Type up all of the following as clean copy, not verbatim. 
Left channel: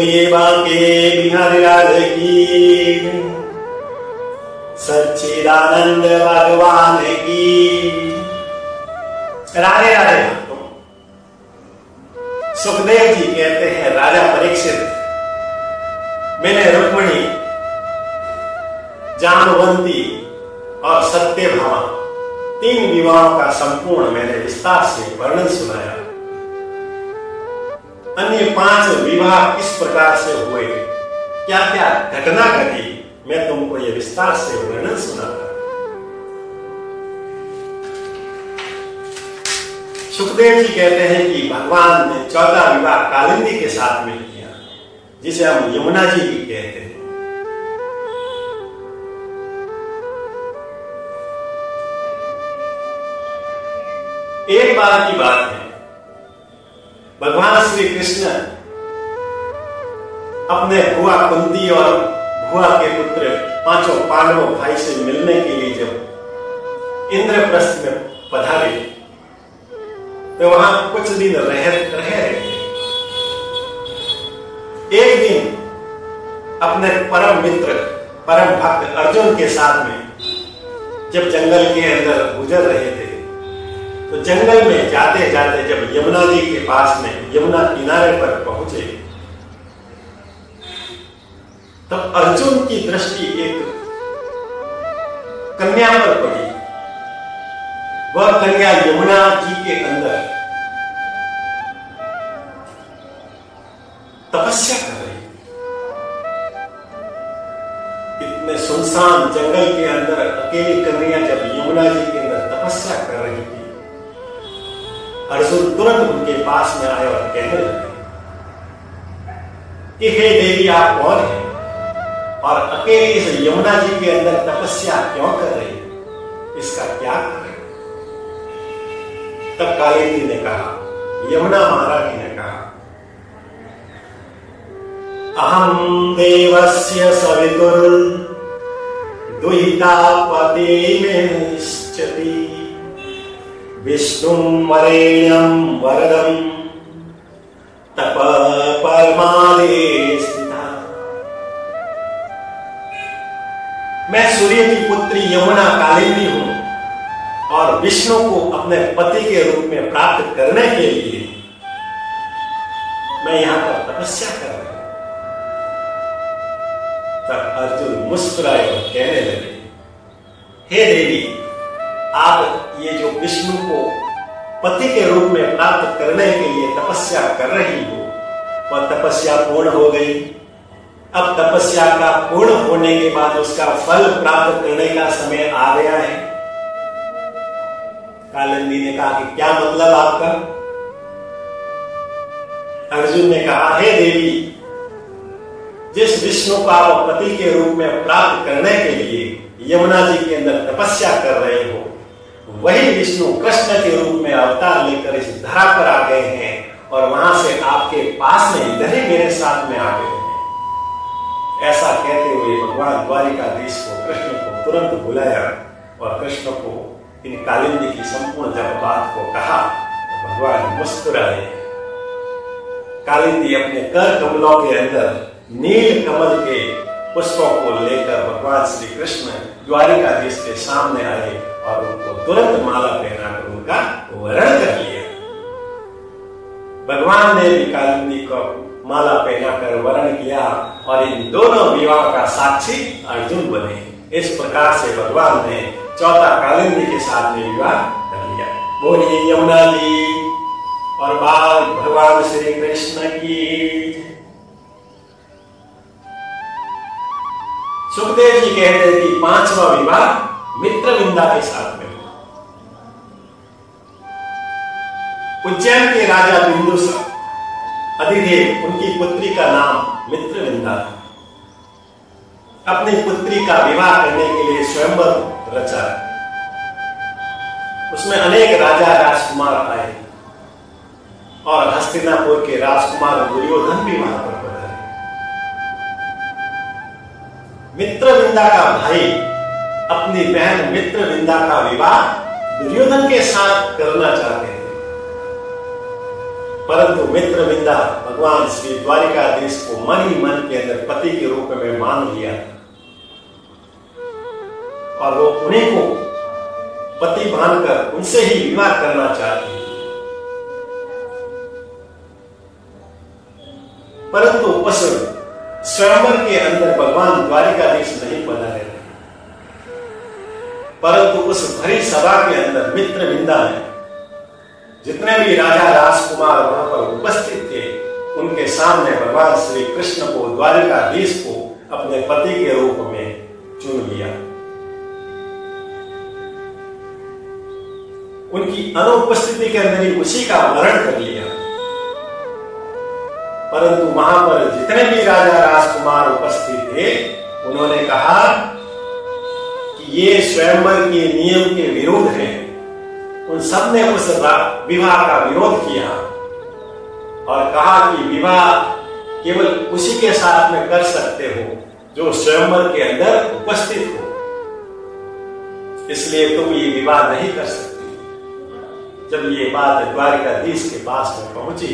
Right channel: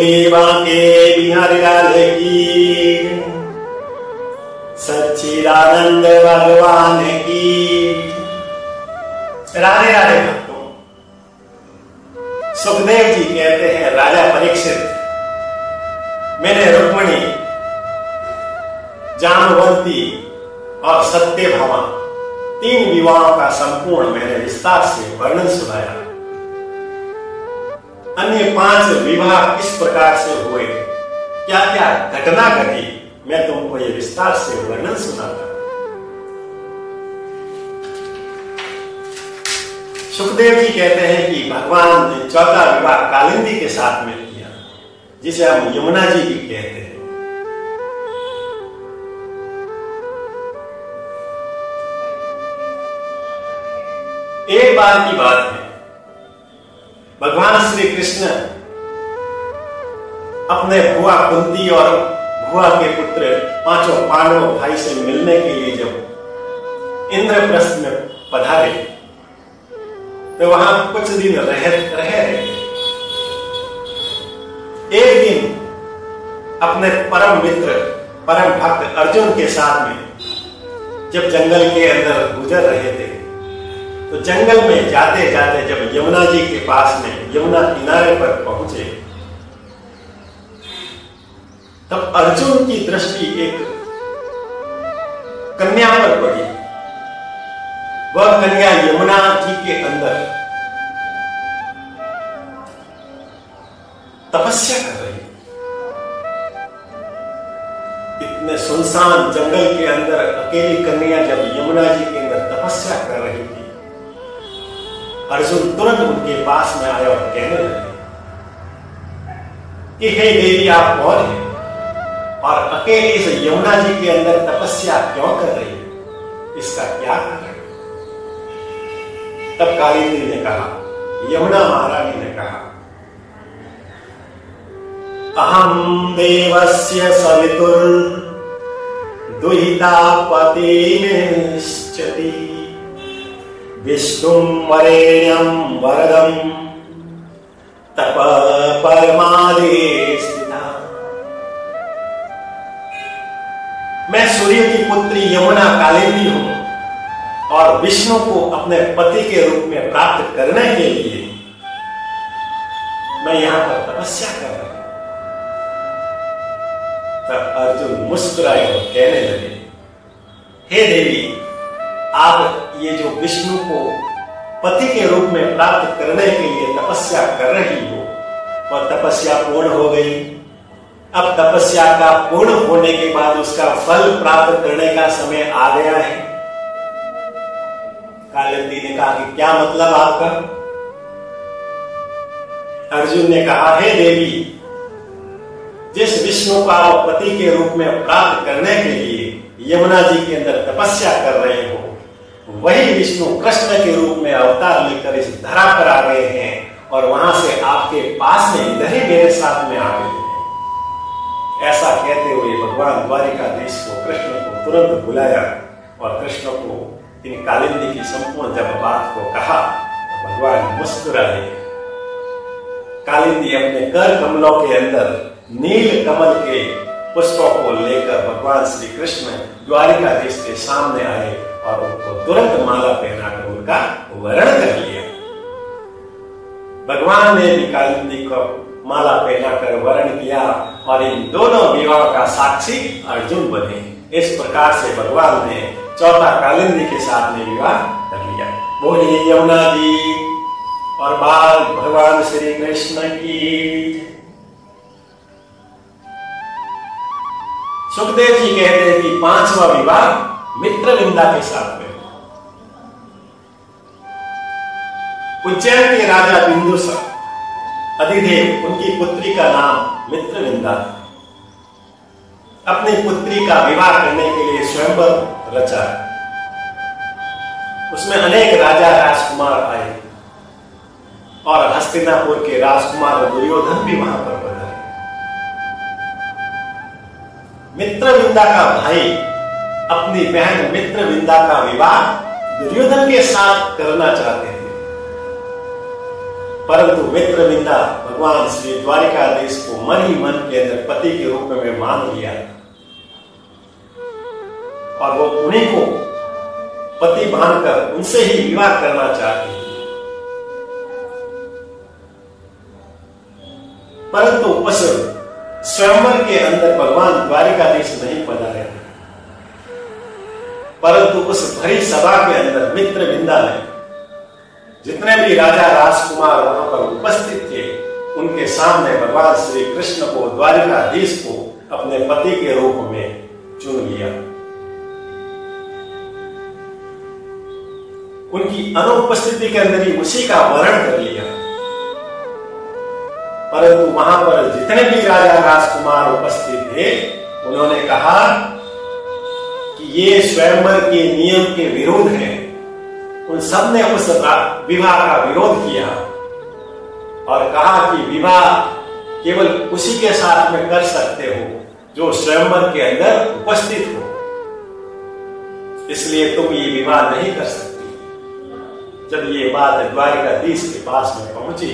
बोलिए बांके बिहारी लाल की, सच्चिदानंद भगवान की। राधे राधे भक्तों। सुखदेव जी कहते हैं, राजा परीक्षित, मैंने रुक्मिणी, जामवंती और सत्यभामा 3 विवाहों का संपूर्ण मैंने विस्तार से वर्णन सुनाया। अन्य 5 विवाह किस प्रकार से हुए, क्या क्या घटना घटी, मैं तुमको ये विस्तार से वर्णन सुनाता। सुखदेव जी कहते हैं कि भगवान ने 14 विवाह कालिंदी के साथ में किया, जिसे हम यमुना जी भी कहते हैं। एक बार की बात है, भगवान श्री कृष्ण अपने बुआ कुंती और बुआ के पुत्र 5 पांडवों भाई से मिलने के लिए जब इंद्रप्रस्थ में पधारे तो वहां कुछ दिन रह रहे। एक दिन अपने परम मित्र, परम भक्त अर्जुन के साथ में जब जंगल के अंदर गुजर रहे थे, तो जंगल में जाते जाते जब यमुना जी के पास में, यमुना किनारे पर पहुंचे, तब अर्जुन की दृष्टि एक कन्या पर पड़ी। वह कन्या यमुना जी के अंदर तपस्या कर रही। इतने सुनसान जंगल के अंदर अकेली कन्या जब यमुना जी के अंदर तपस्या कर रही थी, अर्जुन तुरंत उनके पास में आया और कहने लगे कि हे देवी, आप कौन हैं और अकेले इस यमुना जी के अंदर तपस्या क्यों कर रही है, इसका क्या कारण है? तब कालिंदी ने कहा, यमुना महारानी ने कहा, अहम देवस्य सवितुर दुहिता पति में स्थिति, विष्णुं वरेण्यं वरदं तप परमादे स्थिता। मैं सूर्य की पुत्री यमुना कालिंदी हूं और विष्णु को अपने पति के रूप में प्राप्त करने के लिए मैं यहां पर तपस्या कर रहा हूं। तब अर्जुन मुस्कुराए और कहने लगे, हे देवी, आप ये जो विष्णु को पति के रूप में प्राप्त करने के लिए तपस्या कर रही हो, वह तपस्या पूर्ण हो गई। अब तपस्या का पूर्ण होने के बाद उसका फल प्राप्त करने का समय आ गया है। कालिंदी ने कहा कि क्या मतलब आपका? अर्जुन ने कहा, हे देवी, जिस विष्णु को आप पति के रूप में प्राप्त करने के लिए यमुना जी के अंदर तपस्या कर रहे हो, वही विष्णु कृष्ण के रूप में अवतार लेकर इस धरा पर आ गए हैं और वहां से आपके पास में इधर ही मेरे साथ में आ गए हैं। ऐसा कहते हुए भगवान द्वारिकाधीश को, कृष्ण को तुरंत बुलाया और कृष्ण को इन कालिंदी की संपूर्ण जब बात को कहा तो भगवान मुस्कुराए। कालिंदी अपने कर कमलों के अंदर नील कमल के पुष्पों को लेकर भगवान श्री कृष्ण द्वारिकाधीश के सामने आए और उनको तुरंत माला पहनाकर उनका वरण कर लिया। भगवान ने भी कालिंदी को माला पहनाकर वरण किया और इन दोनों विवाह का साक्षी अर्जुन बने। इस प्रकार से भगवान ने 4था कालिंदी के साथ में विवाह कर लिया। बोलिए यमुना जी और बाल भगवान श्री कृष्ण की। सुखदेव जी कहते हैं कि 5वां विवाह मित्रविंदा के साथ में। उज्जैन के राजा बिंदुसार अधिदेव, उनकी पुत्री का नाम मित्रविंदा था। अपनी पुत्री का विवाह करने के लिए स्वयंवर रचा। उसमें अनेक राजा राजकुमार आए और हस्तिनापुर के राजकुमार दुर्योधन भी वहां पर पधारे। मित्रविंदा का भाई अपनी बहन मित्रविंदा का विवाह दुर्योधन के साथ करना चाहते थे, परंतु मित्रविंदा भगवान श्री द्वारिकाधीश को मन ही मन के अंदर पति के रूप में मान लिया और वो उन्हीं को पति मानकर उनसे ही विवाह करना चाहती है। परंतु उस स्वयंवर के अंदर भगवान द्वारिकाधीश नहीं पधारे थे, परंतु उस भरी सभा के अंदर मित्रविंदा ने जितने भी राजा राजकुमार वहां पर उपस्थित थे उनके सामने भगवान श्री कृष्ण को द्वारिकाधीश को अपने पति के रूप में चुन लिया। उनकी अनुपस्थिति के अंदर ही उसी का वर्ण कर लिया। परंतु वहां पर जितने भी राजा राजकुमार उपस्थित थे उन्होंने कहा कि ये स्वयंवर के नियम के विरुद्ध है। उन सब ने उस विवाह का विरोध किया और कहा कि विवाह केवल उसी के साथ में कर सकते हो जो स्वयंवर के अंदर उपस्थित हो, इसलिए तुम ये विवाह नहीं कर सकती। जब ये बात द्वारिकाधीश के पास में पहुंची,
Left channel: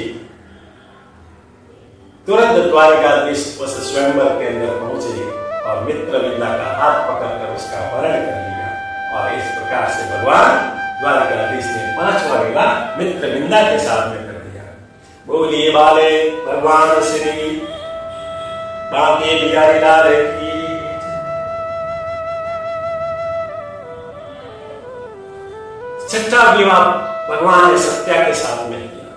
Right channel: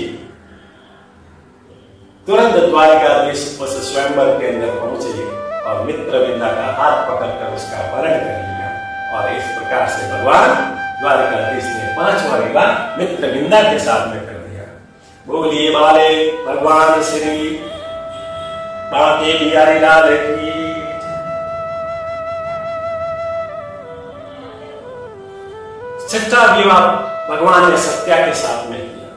तुरंत द्वारिकाधीश उस स्वयंवर के अंदर पहुंचे और मित्रविंदा का हाथ पकड़कर उसका वरण कर लिया और इस प्रकार से भगवान द्वारिकाधीश ने 5वां विवाह मित्रविंदा के साथ में कर दिया। बोलिए बाले भगवान श्री बांके बिहारी लाल की। छठा विवाह भगवान ने सत्या के साथ में किया।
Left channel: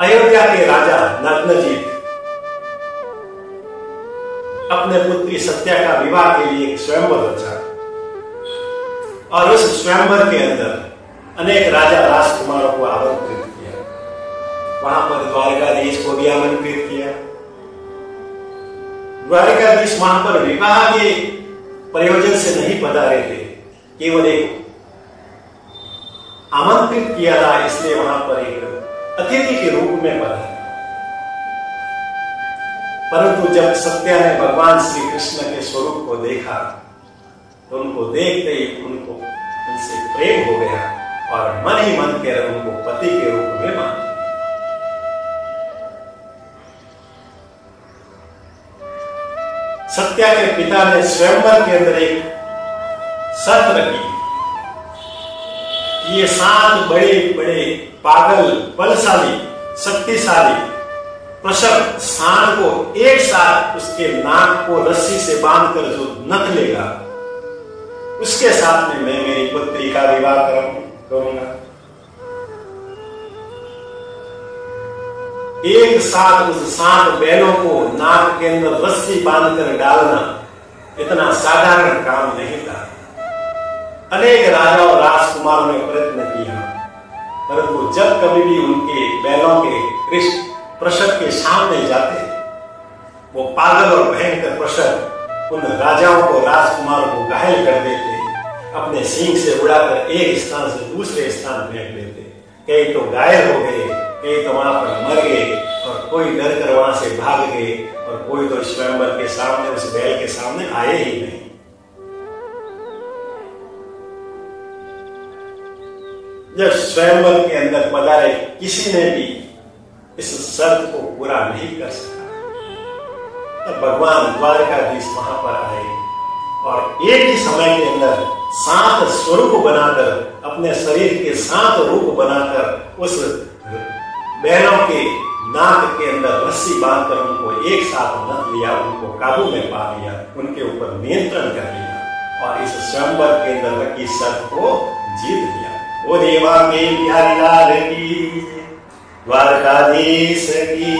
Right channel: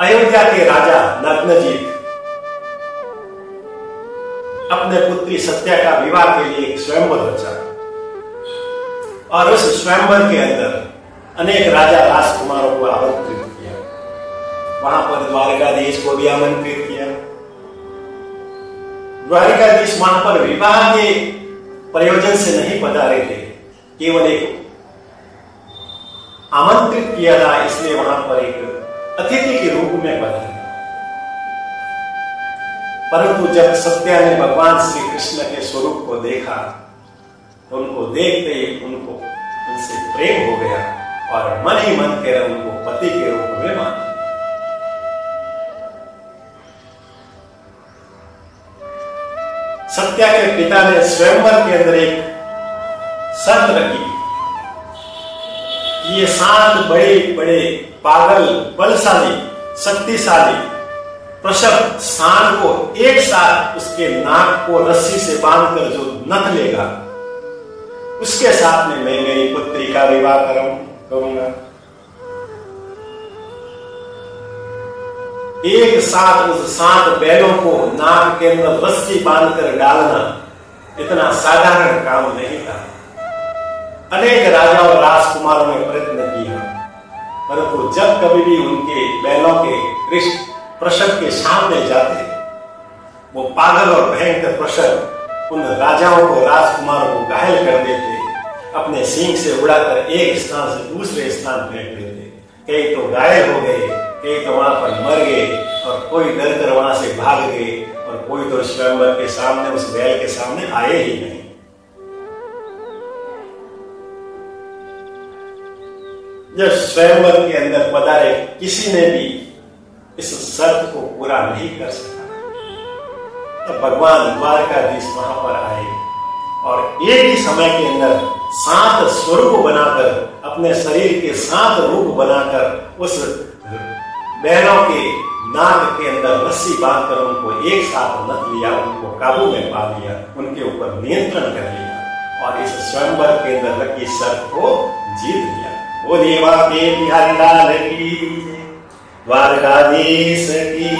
अयोध्या के राजा नग्नजीत अपने पुत्री सत्या का विवाह के लिए एक स्वयंवर रचा और उस स्वयंवर के अंदर अनेक राजा राजकुमारों को आमंत्रित किया। वहां पर द्वारिकाधीश को भी आमंत्रित किया। द्वारिकाधीश वहां पर विवाह के प्रयोजन से नहीं पधारे थे, केवल एक आमंत्रित किया था, इसलिए वहां पर एक अतिथि के रूप में पधारे। परंतु जब सत्या ने भगवान श्री कृष्ण के स्वरूप को देखा तो उनको देखते ही उनको उनसे प्रेम हो गया और मन ही मन के उनको पति के रूप में मान लिया। सत्या के पिता ने स्वयंवर के अंदर एक शर्त रखी कि ये 7 बड़े बड़े पागल बलशाली शक्तिशाली प्रसव सांड को एक साथ उसके नाक को रस्सी से बांधकर जो नथ लेगा उसके साथ में मैं मेरी पुत्री का विवाह करूंगा। एक साथ उस 7 बैलों को नाक के अंदर रस्सी बांधकर डालना इतना साधारण काम नहीं था। अनेक राजा और राजकुमारों ने प्रयत्न किया, परंतु जब कभी भी उनके बैलों के प्रसव के सामने जाते वो पागल और भयंकर प्रसव उन राजाओं को राजकुमारों को घायल कर देते, अपने सींग से उड़ाकर एक स्थान से दूसरे स्थान फेंक देते। कई तो घायल हो गए, कई तो वहां पर मर गए और कोई डर कर वहां से भाग गए और कोई तो स्वयंवर के सामने उस बैल के सामने आए ही नहीं। जब स्वयंवर के अंदर पधारे किसी ने भी इस शर्त को पूरा नहीं कर सका, तो भगवान द्वारकाधीश वहां पर आए और एक ही समय के अंदर 7 स्वरूप बनाकर अपने शरीर के 7 रूप बनाकर उस बैलों के नाक के अंदर रस्सी बांधकर उनको एक साथ नथ लिया, उनको काबू में पा लिया, उनके ऊपर नियंत्रण कर लिया और इस स्वयंवर के अंदर रखी शर्त को जीत लिया। वो देवा के बिहारी लाल की, द्वारकाधीश की।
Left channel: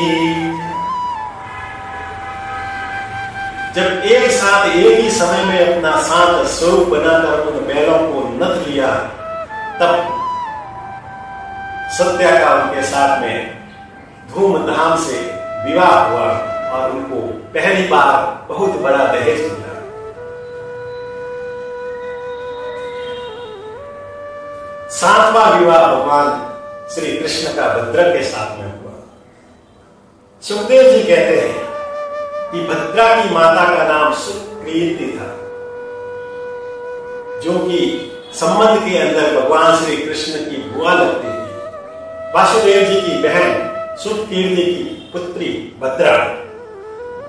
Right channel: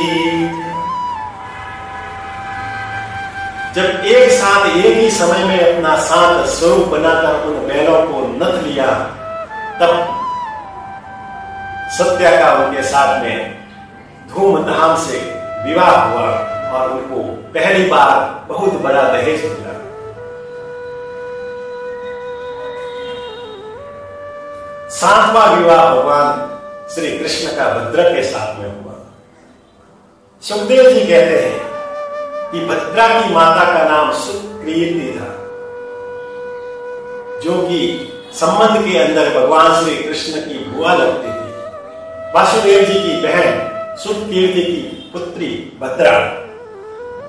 जब एक साथ एक ही समय में अपना 7 स्वरूप बनाकर उन बैलों को नथ लिया, तब सत्या का उनके साथ में धूमधाम से विवाह हुआ और उनको पहली बार बहुत बड़ा दहेज मिला। सातवां विवाह भगवान श्री कृष्ण का भद्रा के साथ में हुआ। सुखदेव जी कहते हैं कि भद्रा की माता का नाम सुकृति था, जो कि संबंध के अंदर भगवान श्री कृष्ण की बुआ लगती थी। वासुदेव जी की बहन सुतकीर्ति की पुत्री भद्रा,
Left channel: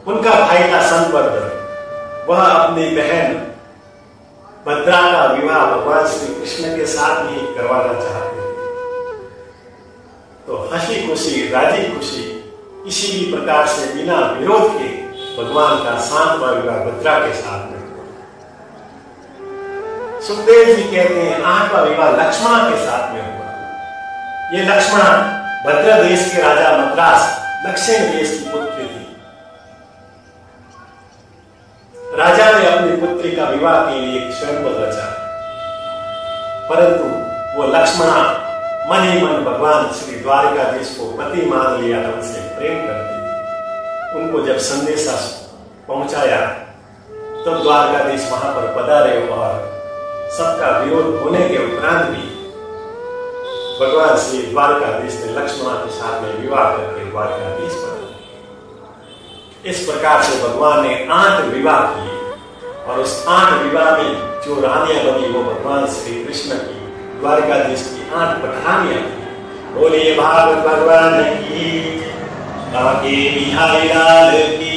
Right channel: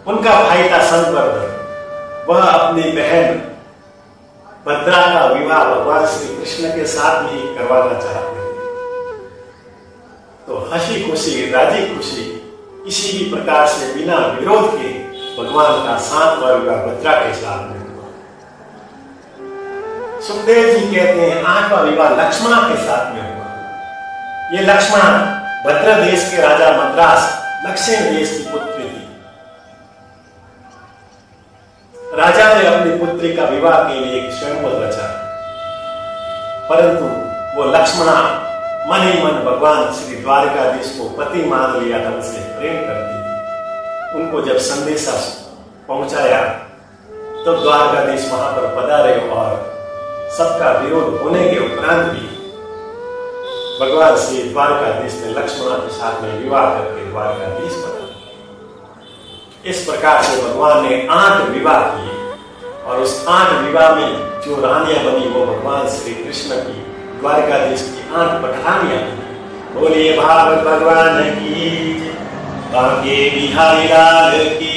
उनका भाई था संतवर्धन, वह अपनी बहन भद्रा का विवाह भगवान श्री कृष्ण के साथ ही करवाना चाहते थे। तो हंसी खुशी राजी खुशी किसी भी प्रकार से बिना विरोध के भगवान का 7वां विवाह भद्रा के साथ में हुआ। सुखदेव जी कहते हैं 8वां विवाह लक्ष्मणा के साथ में हुआ। ये लक्ष्मणा भद्र देश के राजा मद्रास दक्षिण देश की पुत्री थी। राजा ने अपनी पुत्री का विवाह के लिए एक स्वयंवर रचा, परंतु वो लक्ष्मणा मन ही मन भगवान श्री द्वारकाधीश को पति मान लिया था, उनसे प्रेम करती थी। उनको जब संदेशा पहुंचाया तो द्वारकाधीश वहां पर पधारे और सबका विरोध होने के उपरांत भी भगवान श्री द्वारकाधीश ने लक्ष्मणा के साथ में विवाह करके द्वारकाधीश बना। इस प्रकार से भगवान ने 8 विवाह किए और उस 8 विवाह में जो रानियां बनी वो भगवान श्री कृष्ण की द्वारकाधीश की 8 पठानियां बनी। बोलिए भागवत भगवान की, बांके बिहारी लाल की।